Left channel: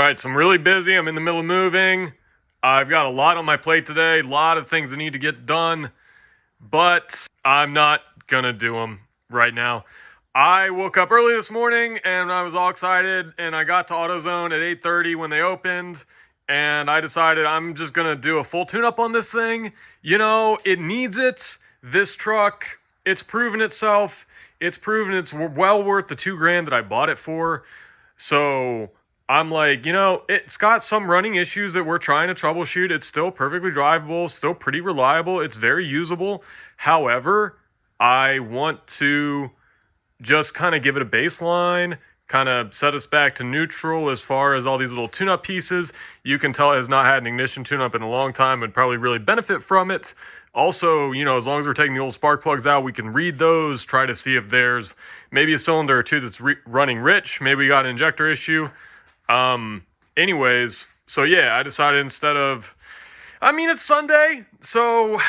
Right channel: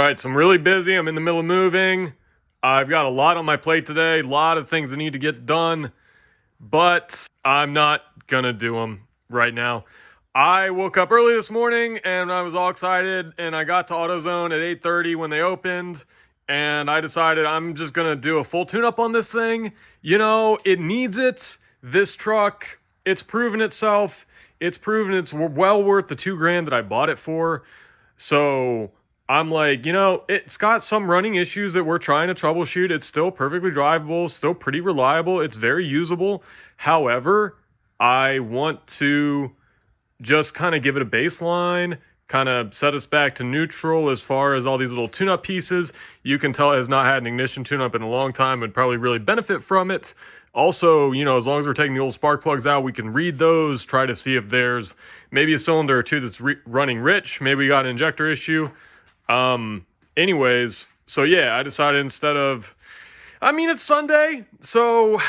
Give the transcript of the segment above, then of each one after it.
All right, so I'm really busy. I'm in the middle of moving. I've got a lot on my plate today, a lot of things that need to get done, but I'm not gonna do them right now. I woke up early this morning and I was all excited, and I got to AutoZone at 8:30 when they opened, and I decided I'm just gonna do a full tune-up on this thing. You know, it needs it. This truck, it's proven itself. It's proven it's well worth the $2,000 that I bought it for. So I'm like, it's got some running issues that we're trying to troubleshoot. It's still perfectly drivable, still pretty reliable. It's very usable. However, I want to just kind of give it a baseline, kind of set us back to neutral as far as all these little tune-up pieces. You can tell it has not had an ignition tune-up in a long time and probably really benefit from it. Also, as long as we're taking the old spark plugs out, we can read those, try to see if there's maybe a cylinder or two that's running rich. Maybe we got an injector issue. Anyways, so yeah, I decided it's Sunday, so,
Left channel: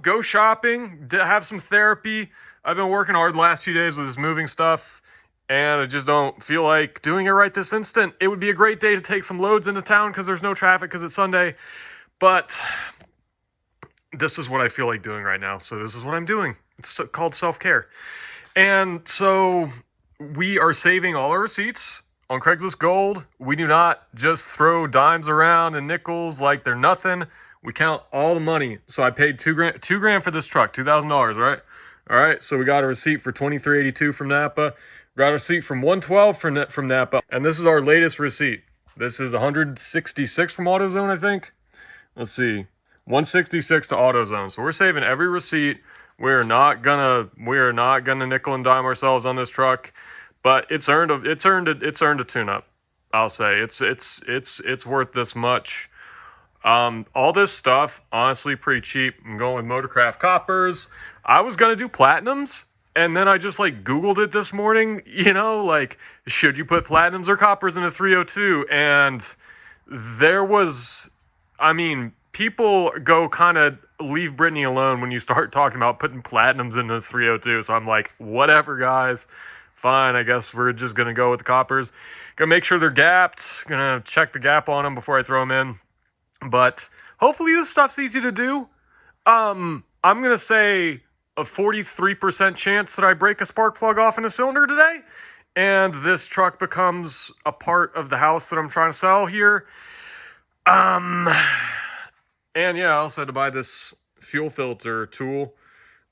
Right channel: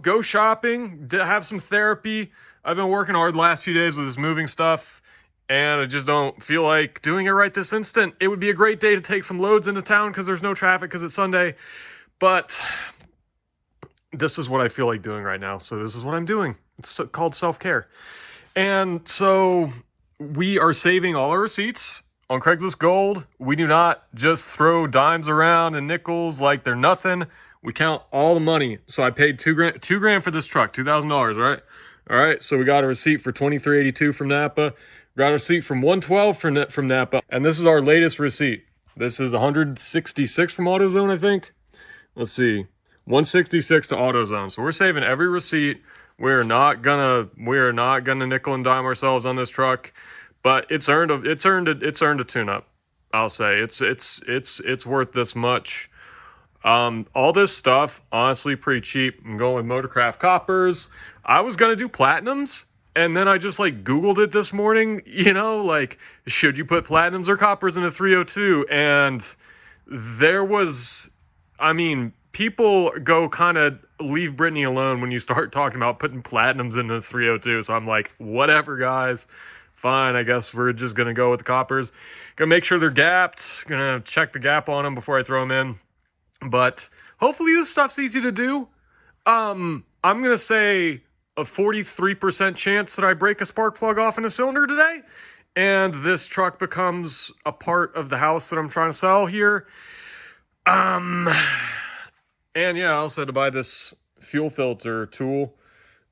go shopping, have some therapy. I've been working hard the last few days with this moving stuff, and I just don't feel like doing it right this instant. It would be a great day to take some loads into town because there's no traffic because it's Sunday, but this is what I feel like doing right now, so this is what I'm doing. It's called self-care. And so we are saving all our receipts on Craigslist Gold. We do not just throw dimes around and nickels like they're nothing. We count all the money. So I paid $2,000 for this truck, $2,000, right? All right, so we got a receipt for $23.82 from Napa. Got a receipt from $112 from Napa. And this is our latest receipt. This is $166 from AutoZone, I think. Let's see. $166 to AutoZone. So we're saving every receipt. We're not gonna nickel and dime ourselves on this truck, but it's earned a tune-up. I'll say it's worth this much. All this stuff, honestly, pretty cheap. I'm going with Motorcraft Coppers. I was gonna do Platinums, and then I just Googled it this morning. Should you put Platinums or Coppers in a 302? And there was, people go kind of leave Brittany alone when you start talking about putting Platinums in a 302. So I'm like, whatever, guys. Fine, I guess we're just going to go with the Coppers. Gonna make sure they're gapped. Gonna check the gap on them before I throw them in. But hopefully this stuff's easy to do. I'm going to say a 43% chance that I break a spark plug off in a cylinder today, and this truck becomes a part of the house that I'm trying to sell here. And yeah, I also had to buy this fuel filter tool,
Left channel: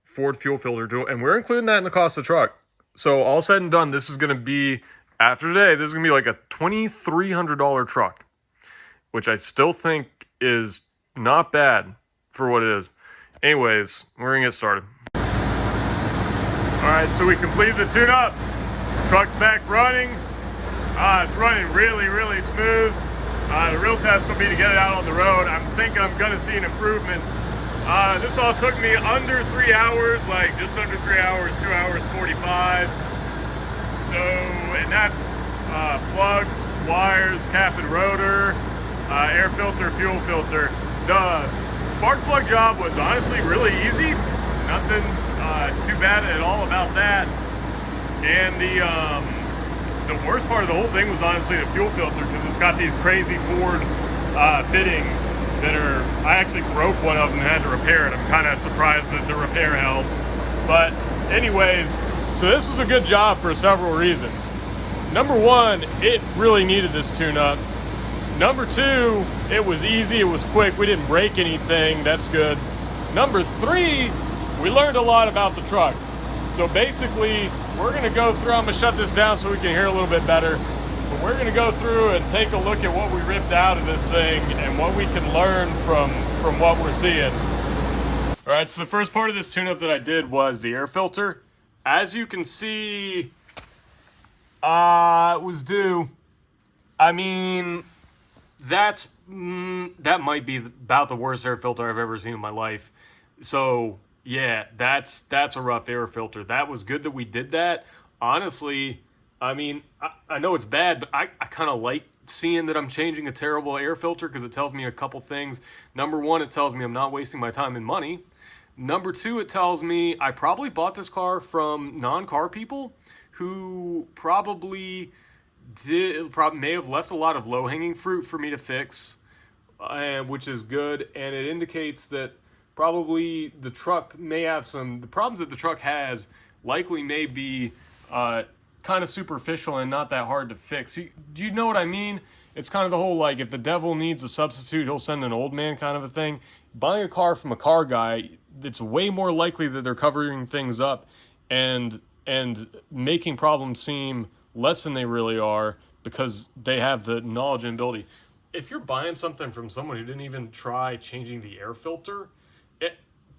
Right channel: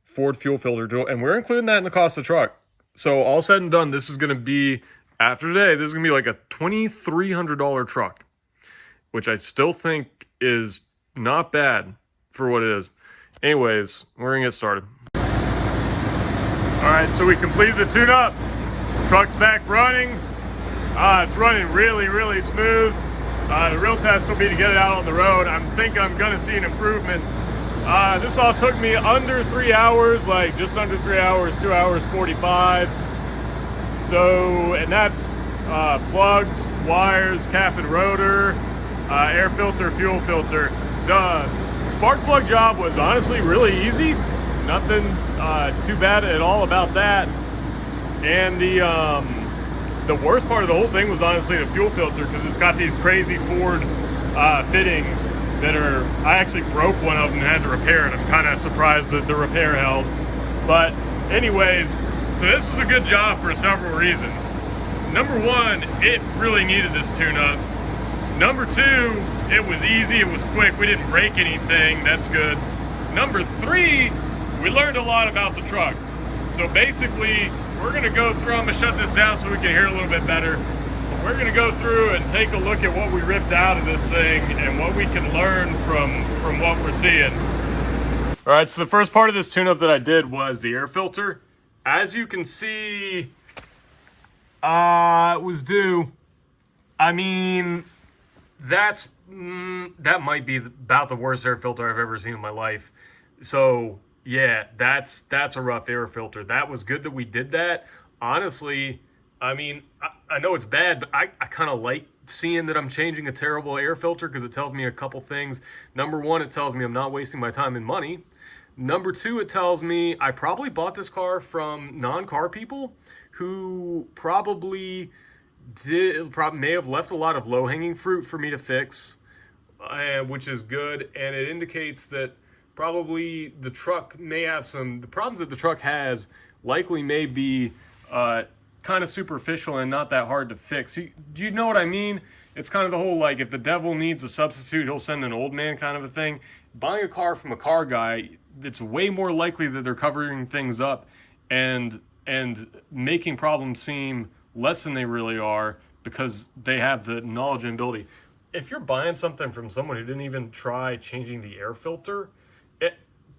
Ford fuel filter tool, and we're including that in the cost of the truck. So all said and done, this is going to be, after today, this is going to be like a $2,300 truck, which I still think is not bad for what it is. Anyways, we're going to get started. All right, so we completed the tune-up. Truck's back running. It's running really, really smooth. The real test will be to get it out on the road. I'm thinking I'm going to see an improvement. This all took me under 3 hours, just under 3 hours, 2 hours 45. So, and that's plugs, wires, cap and rotor, air filter, fuel filter. The spark plug job was honestly really easy. Nothing too bad at all about that. And the worst part of the whole thing was honestly the fuel filter, because it's got these crazy Ford fittings that I actually broke one of them and had to repair it. I'm kind of surprised that the repair held. But anyways, so this was a good job for several reasons. Number one, it really needed this tune-up. Number two, it was easy, it was quick, we didn't break anything, that's good. Number three, we learned a lot about the truck. So basically, we're gonna go through, I'm gonna shut this down so we can hear a little bit better. But we're gonna go through and take a look at what we ripped out of this thing and what we can learn from what we're seeing. All right, so the first part of this tune-up that I did was the air filter. As you can see, it was due. That might be about the worst air filter I've ever seen in my life. So yeah, that's a rough air filter. That was good that we did that. Honestly, I know it's bad, but I kind of like seeing that I'm changing a terrible air filter, because it tells me a couple things. Number one, it tells me I'm not wasting my time and money. Number two, it tells me I probably bought this car from non-car people who probably may have left a lot of low-hanging fruit for me to fix, which is good, and it indicates that probably the truck may have the problems that the truck has likely may be kind of superficial and not that hard to fix. Do you know what I mean? It's kind of the whole, like, if the devil needs a substitute, he'll send an old man kind of a thing. Buying a car from a car guy, it's way more likely that they're covering things up and making problems seem less than they really are because they have the knowledge and ability. If you're buying something from someone who didn't even try changing the air filter,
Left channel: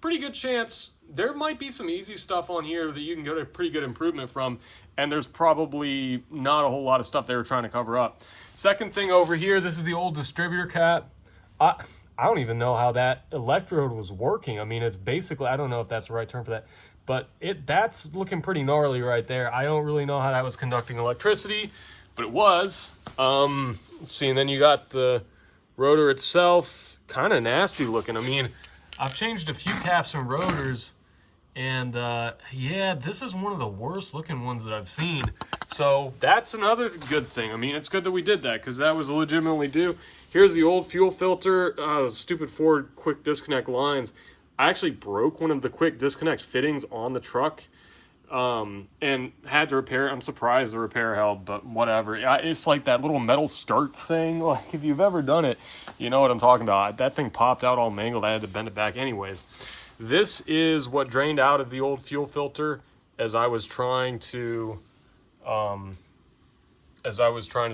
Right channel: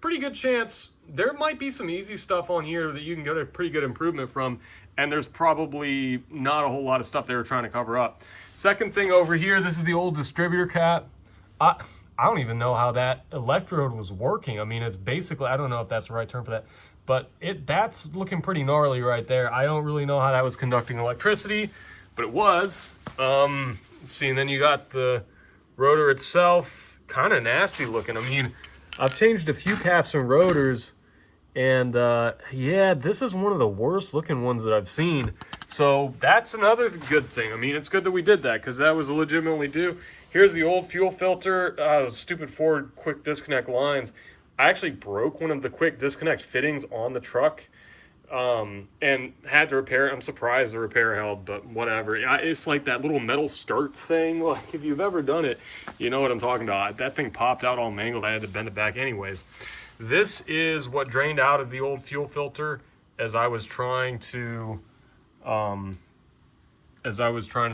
pretty good chance there might be some easy stuff on here that you can get a pretty good improvement from, and there's probably not a whole lot of stuff they were trying to cover up. Second thing over here, this is the old distributor cap. I don't even know how that electrode was working. I mean, it's basically, I don't know if that's the right term for that, but that's looking pretty gnarly right there. I don't really know how that was conducting electricity, but it was. Let's see, and then you got the rotor itself, kind of nasty looking. I mean, I've changed a few caps and rotors, and yeah, this is one of the worst looking ones that I've seen. So that's another good thing. I mean, it's good that we did that because that was legitimately due. Here's the old fuel filter, stupid Ford quick disconnect lines. I actually broke one of the quick disconnect fittings on the truck and had to repair it. I'm surprised the repair held, but whatever. It's like that little metal skirt thing. Like, if you've ever done it, you know what I'm talking about. That thing popped out all mangled. I had to bend it back anyways. This is what drained out of the old fuel filter as I was trying to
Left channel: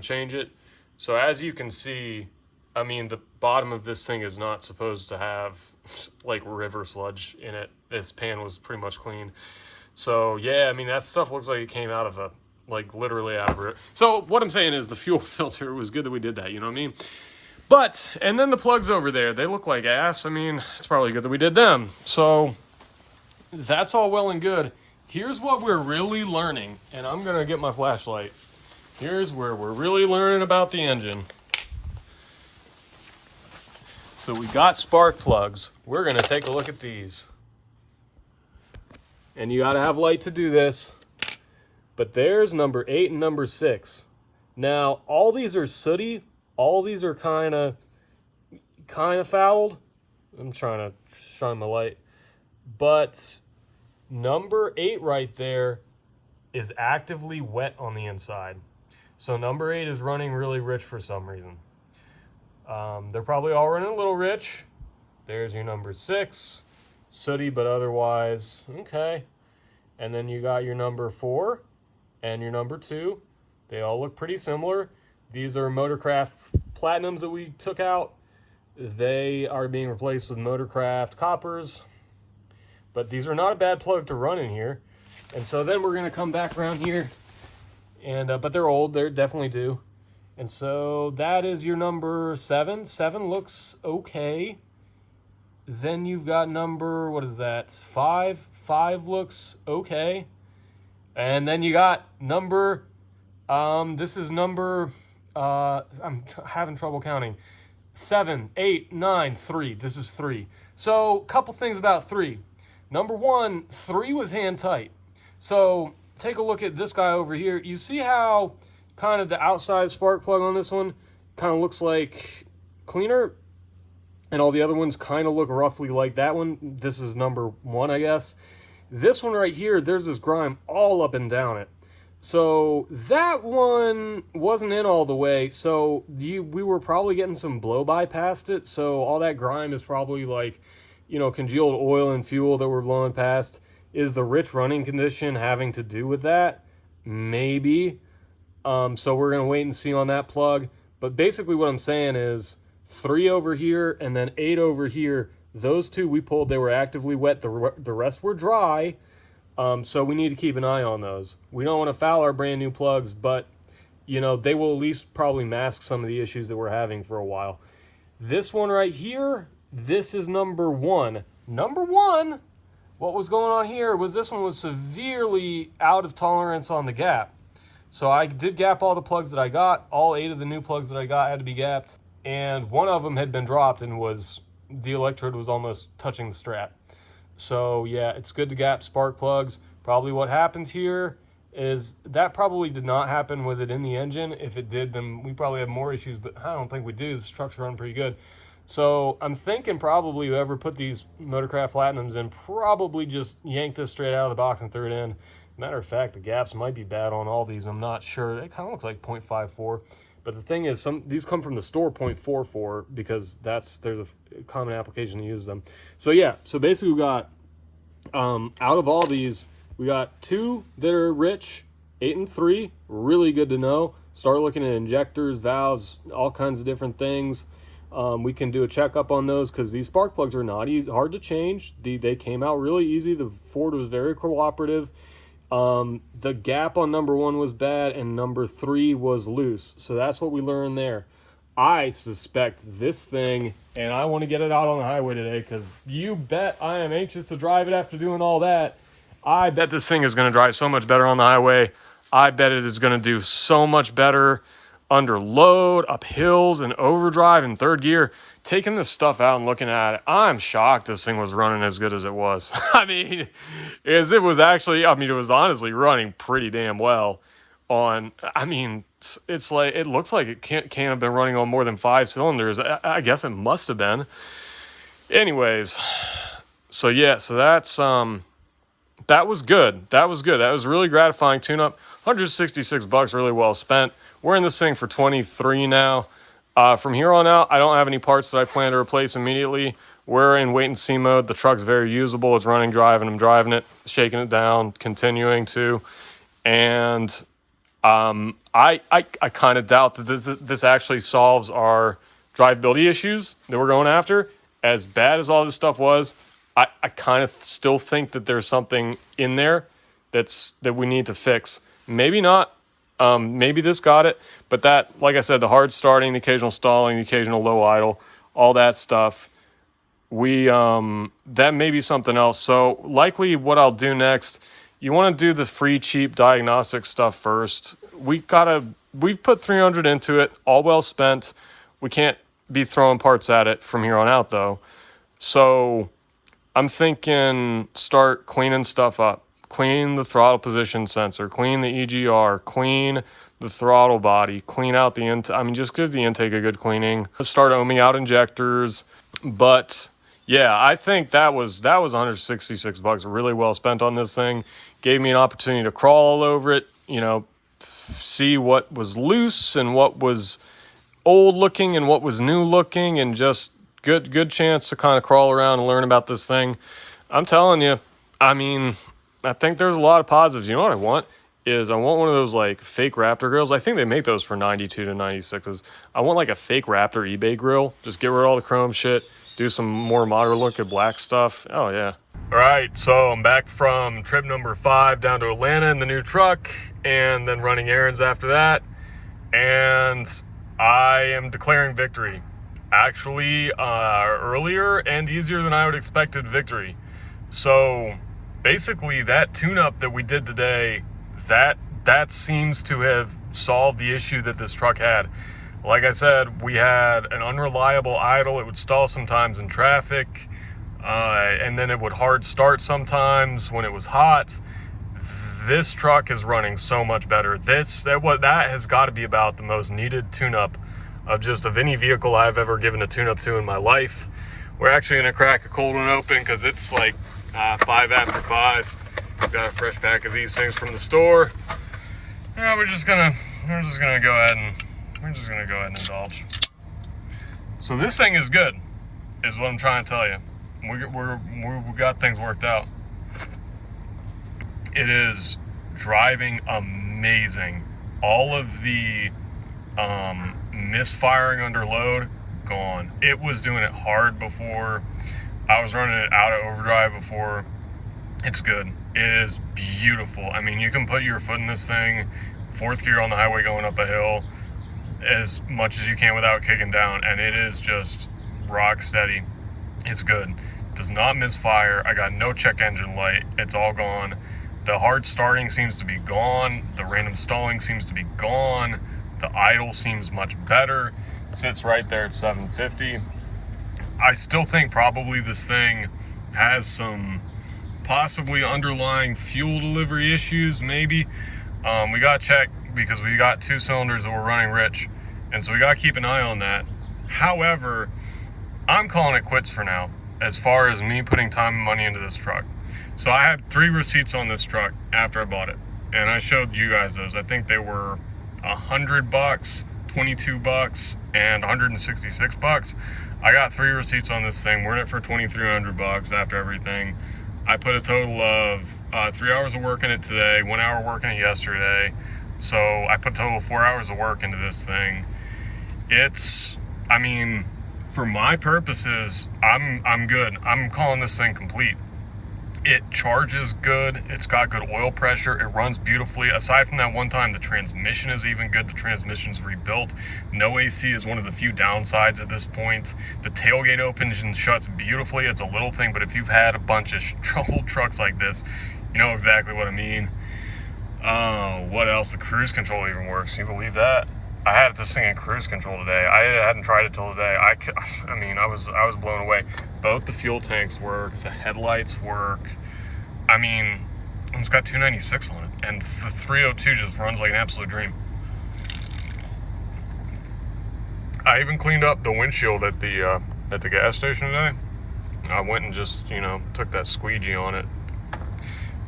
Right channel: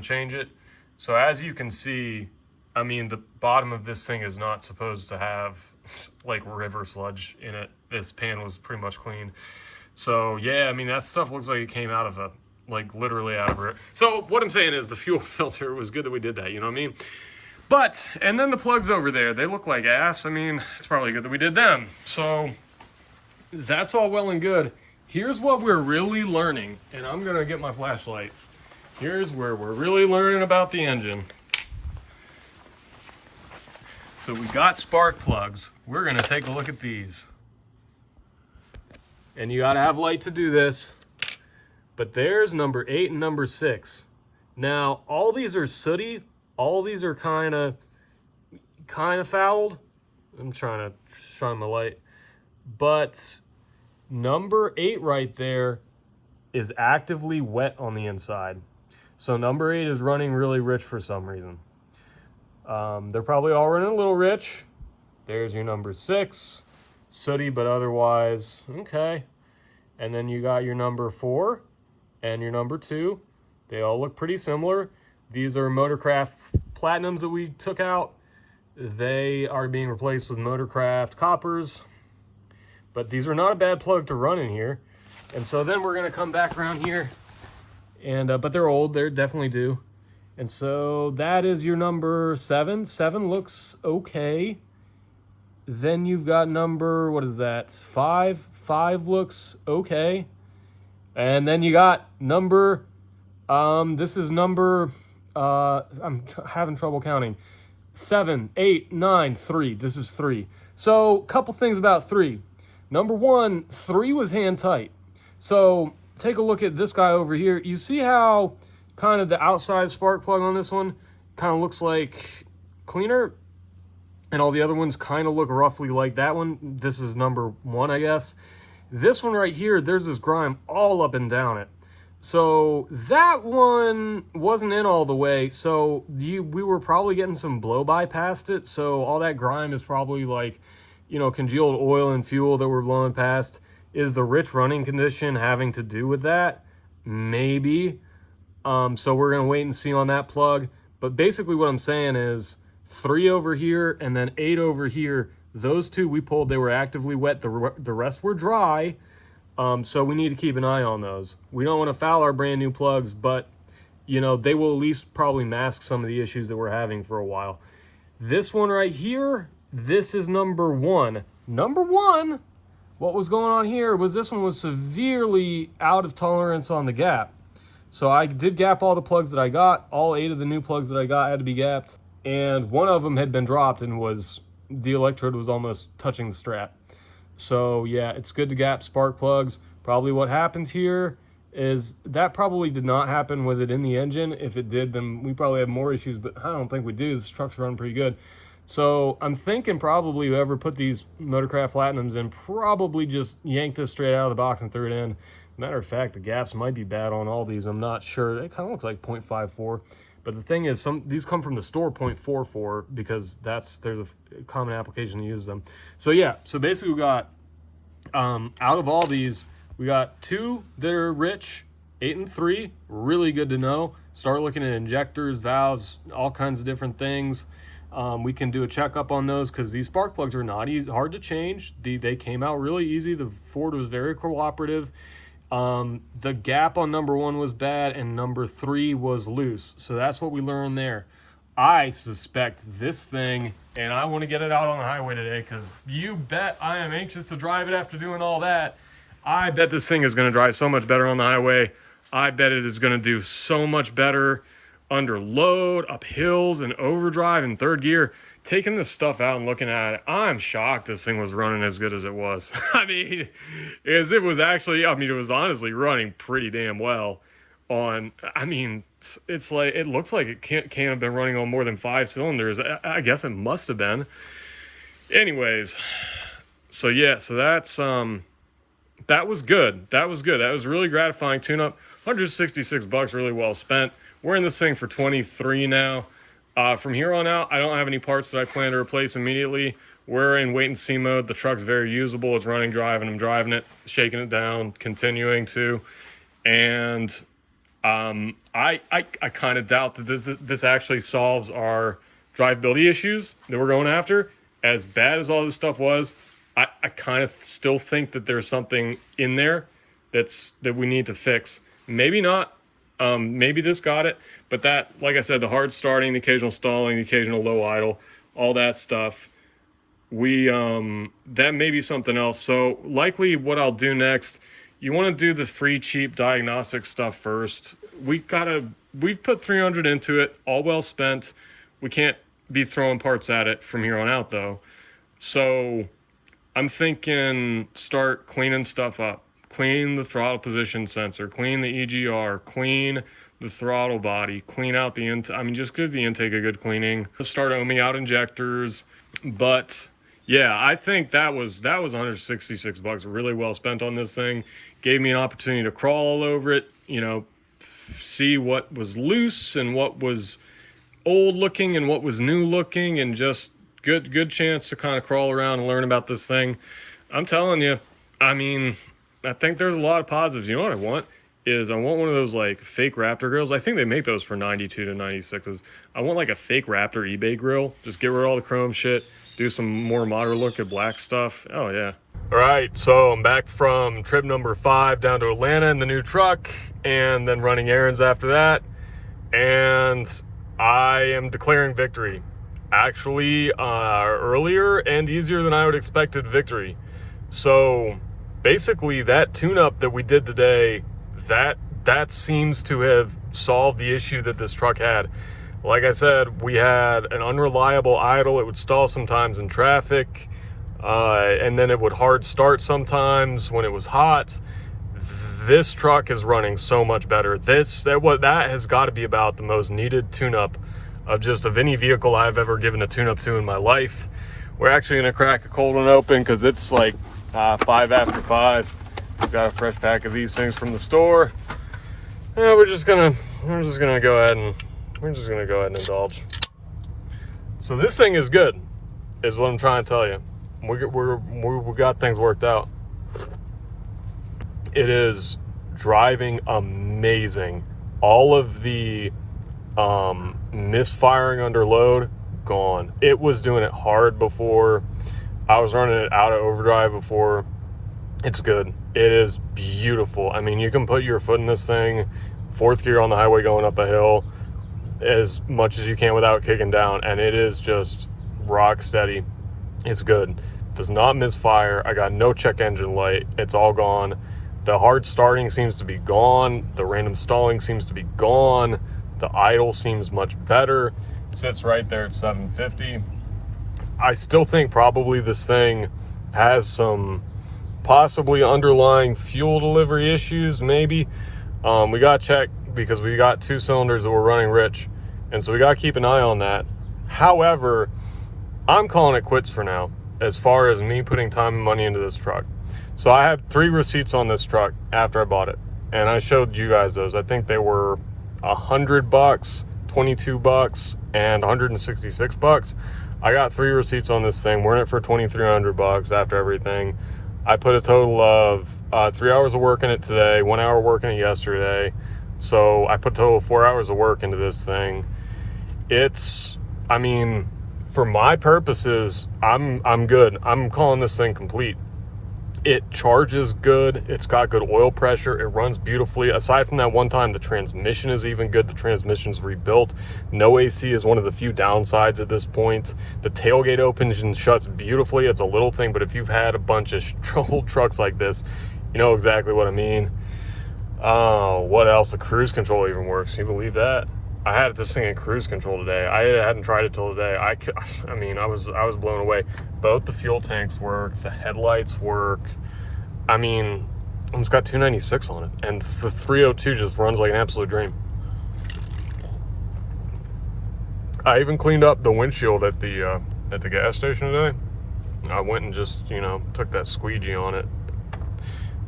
change it. So as you can see, I mean, the bottom of this thing is not supposed to have like river sludge in it. This pan was pretty much clean. So yeah, I mean, that stuff looks like it came out of literally out of it. So what I'm saying is the fuel filter was good that we did that, you know what I mean? But, and then the plugs over there, they look like ass. I mean, it's probably good that we did them. So that's all well and good. Here's what we're really learning, and I'm gonna get my flashlight. Here's where we're really learning about the engine. So we got spark plugs. We're gonna take a look at these. And you gotta have light to do this. But there's number 8 and number 6. Now, all these are sooty. All these are kind of fouled. I'm trying to shine my light. But number 8 right there is actively wet on the inside. So number 8 is running really rich for some reason. They're probably all running a little rich. There's your number 6. Sooty, but otherwise, okay. And then you got your number 4 and your number 2. They all look pretty similar. These are Motorcraft Platinums that we took out. They are being replaced with Motorcraft Coppers. But these are not a bad plug to run in here. And so then we're going to come back around here. And but they're old. They're definitely due. And so that is your number 7. 7 looks okay. Then you've got number, what is that? 5. 5 looks okay. And then you got number, this is number, I'm having trouble counting. 7, 8, 9, 3. This is 3. So a couple things about 3. Number 1, 3 was hand tight. So take a look at this guy over here. You see how kind of the outside spark plug on this one kind of looks like cleaner, and all the other ones kind of look roughly like that one. This is number 1, I guess. This one right here, there's this grime all up and down it. So that one wasn't in all the way. So we were probably getting some blow-by past it. So all that grime is probably like, you know, congealed oil and fuel that we're blowing past. Is the rich running condition having to do with that? Maybe. So we're going to wait and see on that plug. But basically what I'm saying is 3 over here and then 8 over here. Those 2 we pulled, they were actively wet. The rest were dry. So we need to keep an eye on those. We don't want to foul our brand new plugs, but you know, they will at least probably mask some of the issues that we're having for a while. This one right here, this is number 1. Number 1, what was going on here was this one was severely out of tolerance on the gap. So I did gap all the plugs that I got. All 8 of the new plugs that I got had to be gapped. And one of them had been dropped and the electrode was almost touching the strap. So yeah, it's good to gap spark plugs. Probably what happens here is that probably did not happen with it in the engine. If it did, then we probably have more issues, but I don't think we do. This truck's running pretty good. So I'm thinking probably whoever put these Motorcraft Platinums in probably just yanked this straight out of the box and threw it in. Matter of fact, the gaps might be bad on all these. I'm not sure. It kind of looks like 0.54. But the thing is, these come from the store 0.44 because there's a common application to use them. So yeah, so basically we got, out of all these, we got 2 that are rich, 8 and 3, really good to know. Start looking at injectors, valves, all kinds of different things. We can do a checkup on those because these spark plugs are not hard to change. They came out really easy. The Ford was very cooperative. The gap on number 1 was bad and number 3 was loose. So that's what we learned there. I suspect this thing, and I want to get it out on the highway today because you bet I am anxious to drive it after doing all that. I bet this thing is going to drive so much better on the highway. I bet it is going to do so much better under load, up hills, and overdrive in third gear. Taking this stuff out and looking at it, I'm shocked this thing was running as good as it was. I mean, it was honestly running pretty damn well on, I mean, it's like, it looks like it can't have been running on more than 5 cylinders. I guess it must have been. Anyways, so yeah, so that was good. That was good. That was really gratifying tune-up. $166, really well spent. We're in this thing for 23 now. From here on out, I don't have any parts that I plan to replace immediately. We're in wait and see mode. The truck's very usable. It's running, driving. I'm driving it, shaking it down, continuing to. And I kind of doubt that this actually solves our drivability issues that we're going after. As bad as all this stuff was, I kind of still think that there's something in there that we need to fix. Maybe not. Maybe this got it. But that, like I said, the hard starting, the occasional stalling, the occasional low idle, all that stuff, that may be something else. So likely what I'll do next, you want to do the free, cheap diagnostic stuff first. We've put 300 into it, all well spent. We can't be throwing parts at it from here on out though. So I'm thinking start cleaning stuff up. Clean the throttle position sensor, clean the EGR, clean the throttle body, clean out the just give the intake a good cleaning. Start ohming out injectors. But yeah, I think that was $166 really well spent on this thing. Gave me an opportunity to crawl all over it, see what was loose and what was old looking and what was new looking, and just good chance to kind of crawl around and learn about this thing. I'm telling you, I think there's a lot of positives. You know what I want? I want one of those like fake Raptor grills. I think they make those for 92 to 96s. I want like a fake Raptor eBay grill. Just get rid of all the chrome shit. Do some more modern look at black stuff. Oh yeah. All right, so I'm back from trip number 5 down to Atlanta in the new truck, and then running errands after that. And I am declaring victory. Actually, earlier and easier than I would expected victory. So basically that tune-up that we did today, that seems to have solved the issue that this truck had. Like I said, we had an unreliable idle. It would stall sometimes in traffic, and then it would hard start sometimes when it was hot. This truck is running so much better. That has got to be about the most needed tune-up of any vehicle I've ever given a tune-up to in my life. We're actually going to crack a cold one open because it's like 5 after 5. We've got a fresh pack of these things from the store. Yeah, we're just gonna go ahead and indulge. So this thing is good, is what I'm trying to tell you. We got things worked out. It is driving amazing. All of the misfiring under load gone. It was doing it hard before. I was running it out of overdrive before. It's good. It is beautiful. You can put your foot in this thing, 4th gear on the highway going up a hill, as much as you can without kicking down, and it is just rock steady. It's good. Does not misfire. I got no check engine light. It's all gone. The hard starting seems to be gone. The random stalling seems to be gone. The idle seems much better. Sits right there at 750. I still think probably this thing has some possibly underlying fuel delivery issues, maybe. We got to check because we got 2 cylinders that were running rich, and so we got to keep an eye on that. However, I'm calling it quits for now as far as me putting time and money into this truck. So I had 3 receipts on this truck after I bought it, and I showed you guys those. I think they were $100, $22, and $166. I got 3 receipts on this thing. We're in it for $2,300 after everything. I put a total of 3 hours of work in it today, 1 hour working it yesterday. So I put a total of 4 hours of work into this thing. It's, I mean, for my purposes, I'm good. I'm calling this thing complete. It charges good. It's got good oil pressure. It runs beautifully. Aside from that one time, the transmission is even good. The transmission's rebuilt. No AC is one of the few downsides at this point. The tailgate opens and shuts beautifully. It's a little thing, but if you've had a bunch of old trucks like this, you know exactly what I mean. What else? The cruise control even works. Can you believe that? I had this thing in cruise control today. I hadn't tried it till today. I mean, I was blown away. Both the fuel tanks work. The headlights work. I mean, it's got 296 on it, and the 302 just runs like an absolute dream. I even cleaned up the windshield at the gas station today. I went and just, you know, took that squeegee on it.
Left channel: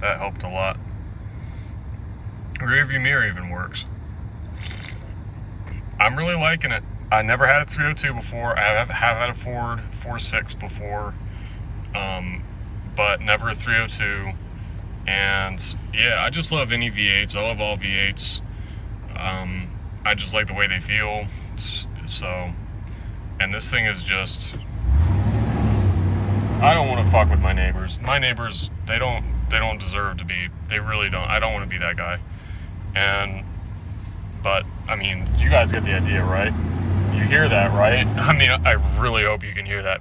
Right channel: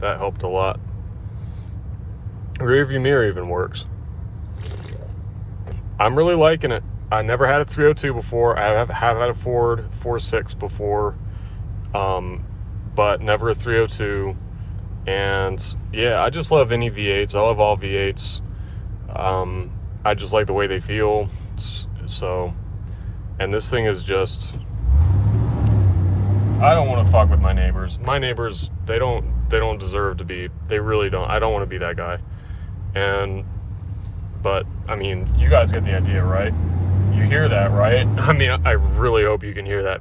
That helped a lot. Rear view mirror even works. I'm really liking it. I never had a 302 before. I have had a Ford 4.6 before, but never a 302. And yeah, I just love any V8s. I love all V8s. I just like the way they feel. So, and this thing is just, I don't want to fuck with my neighbors. My neighbors, they don't deserve to be. They really don't. I don't want to be that guy. But I mean, you guys get the idea, right? You hear that, right? I mean, I really hope you can hear that.